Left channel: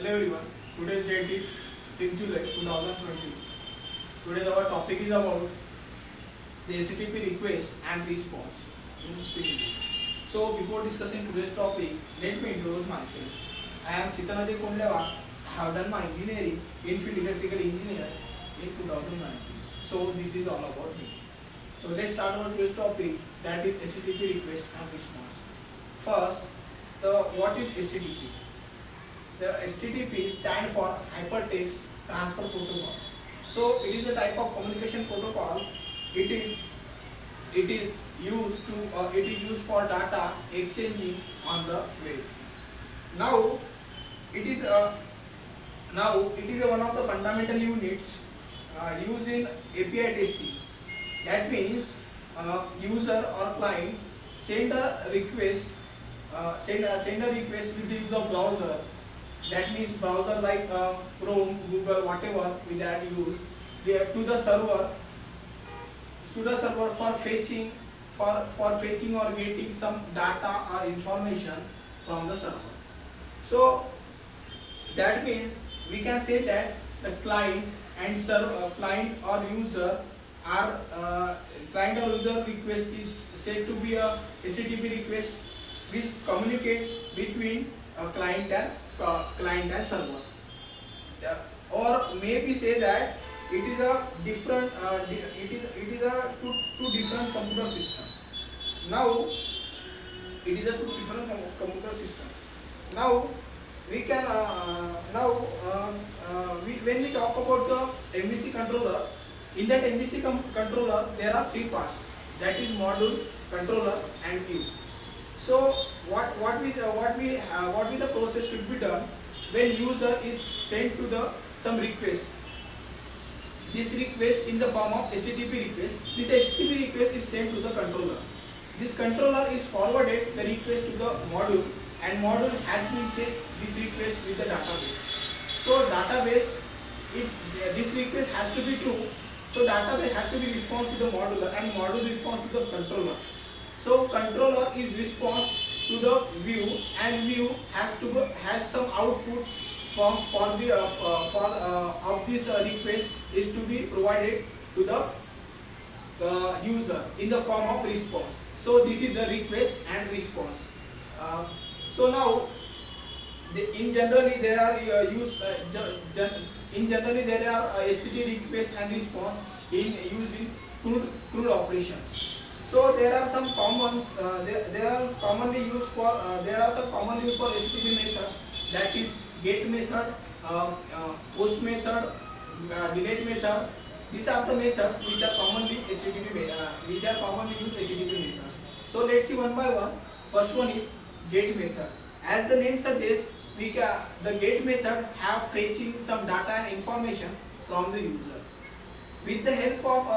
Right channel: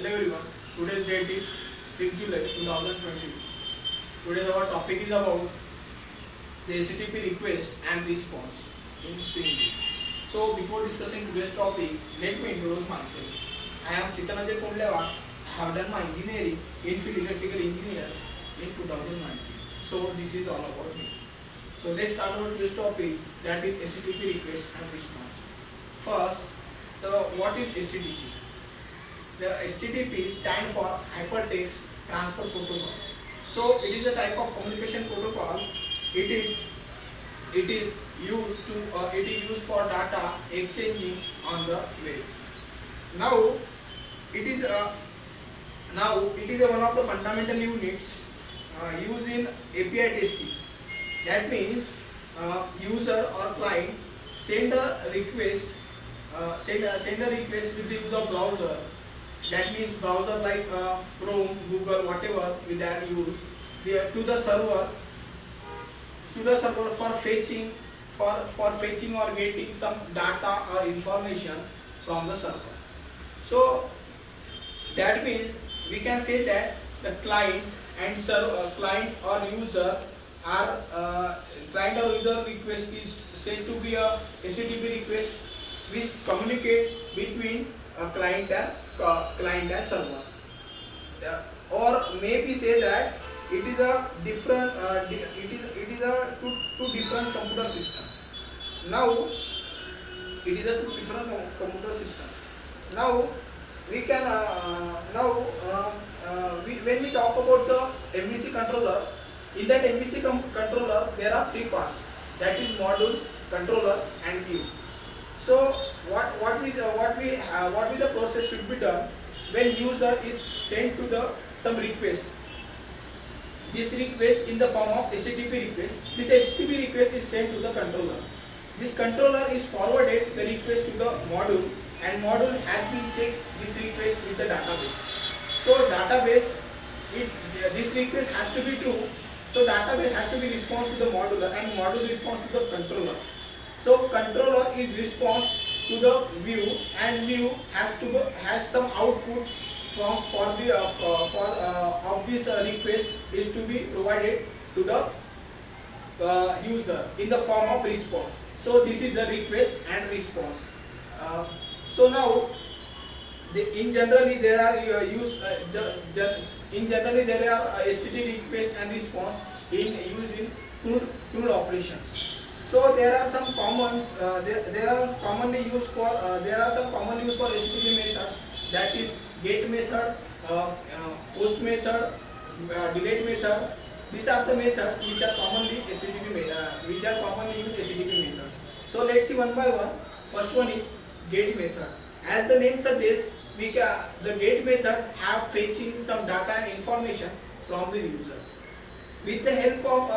Hello everyone. Today's date is 5th July 2020. Today's our topic is about the HTTP request and response in Spring Boot. So before discussing today's topic, let me introduce myself. I am Chitanajay Kondlewa. I have done my engineering in field electrical engineer in 2019. So this is all about me. So let's start our today's topic, that is HTTP request and response. First, what is HTTP? The HTTP stand for Hypertext Transfer Protocol. So it is a type of communication protocol. It is used for data exchanging on the web. Now it is one of the fundamental units used in API testing. That means user or client send a request with the use of browser. That means browser like Chrome, Google, whatever we that use, to the server for fetching or getting some data or information from the server. So that means we can say that the client or user request is said to be a HTTP request which communicate between a client and server. Or maybe say that it is a different two different computer system. Now it is a two different computer system. Now we can when we talk about the MVC controller, in that MVC controller there are three parts, that is module, controller and view. So what the process should be done when user is sent to some request. This request in the form of HTTP request. This HTTP request is sent to the controller. This controller is forwarded the request to the module, and module has been checked this request with the database. So database, this request has to be true. So database has to be response to the modular, and module response to the controller. So controller is response to the view, and view has some output of this request is to be provided to the user in the form of response. So this is the request and response. So now in generally there are HTTP request and response used in crude operations. So there are some commons. There are some commonly used for HTTP methods. That is get method, post method, delete method. These are the methods which are commonly used HTTP methods. So let's see one by one. First one is get method. As the name suggests, the get method have fetching some data and information from the user. With the help of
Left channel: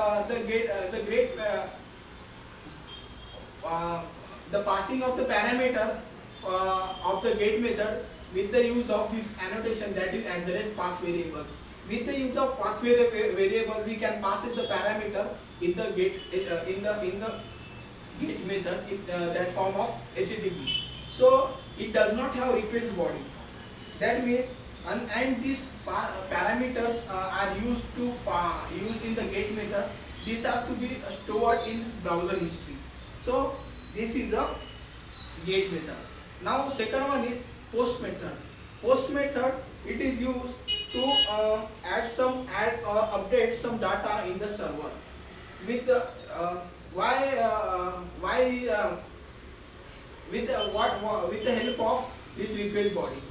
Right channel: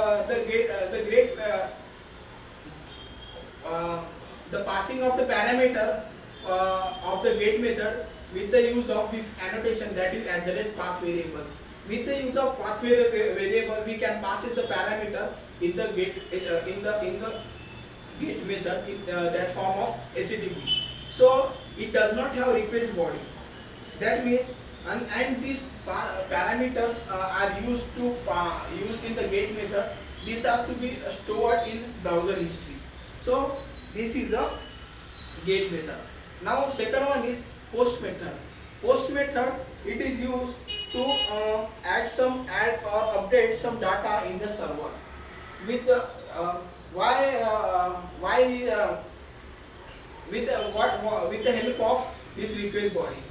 the passing of the parameter of the get method with the use of this annotation, that is @path variable. With the use of path variable, we can pass it the parameter in the get method in that form of HTTP. So it does not have request body. That means and these parameters are used in the get method. These are to be stored in browser history. So this is a get method. Now second one is post method. Post method, it is used to add or update some data in the server with the with the help of this request body.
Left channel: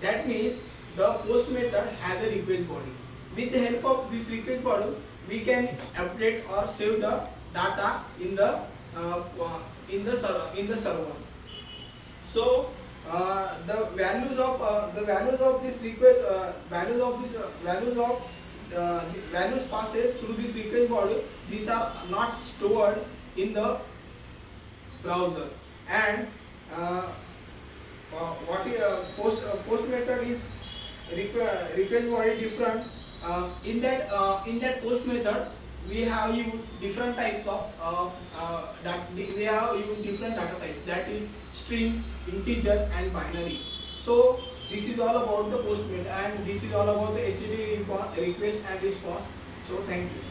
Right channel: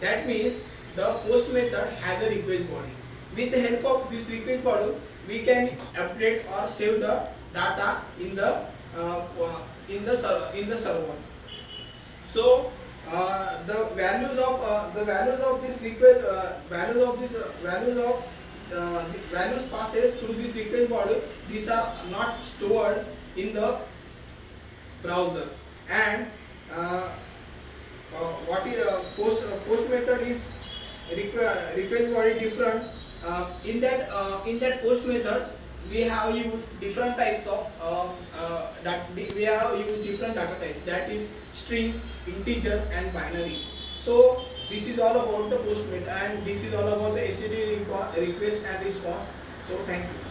That means the post method has a request body. With the help of this request body, we can update or save the data in the server. So the values of this request values passes through this request body. These are not stored in the browser. And what is post method is request body different. In that post method, we have used different types of different data types, that is string, integer and binary. So this is all about the Postman, and this is all about the HTTP request and response. So thank you.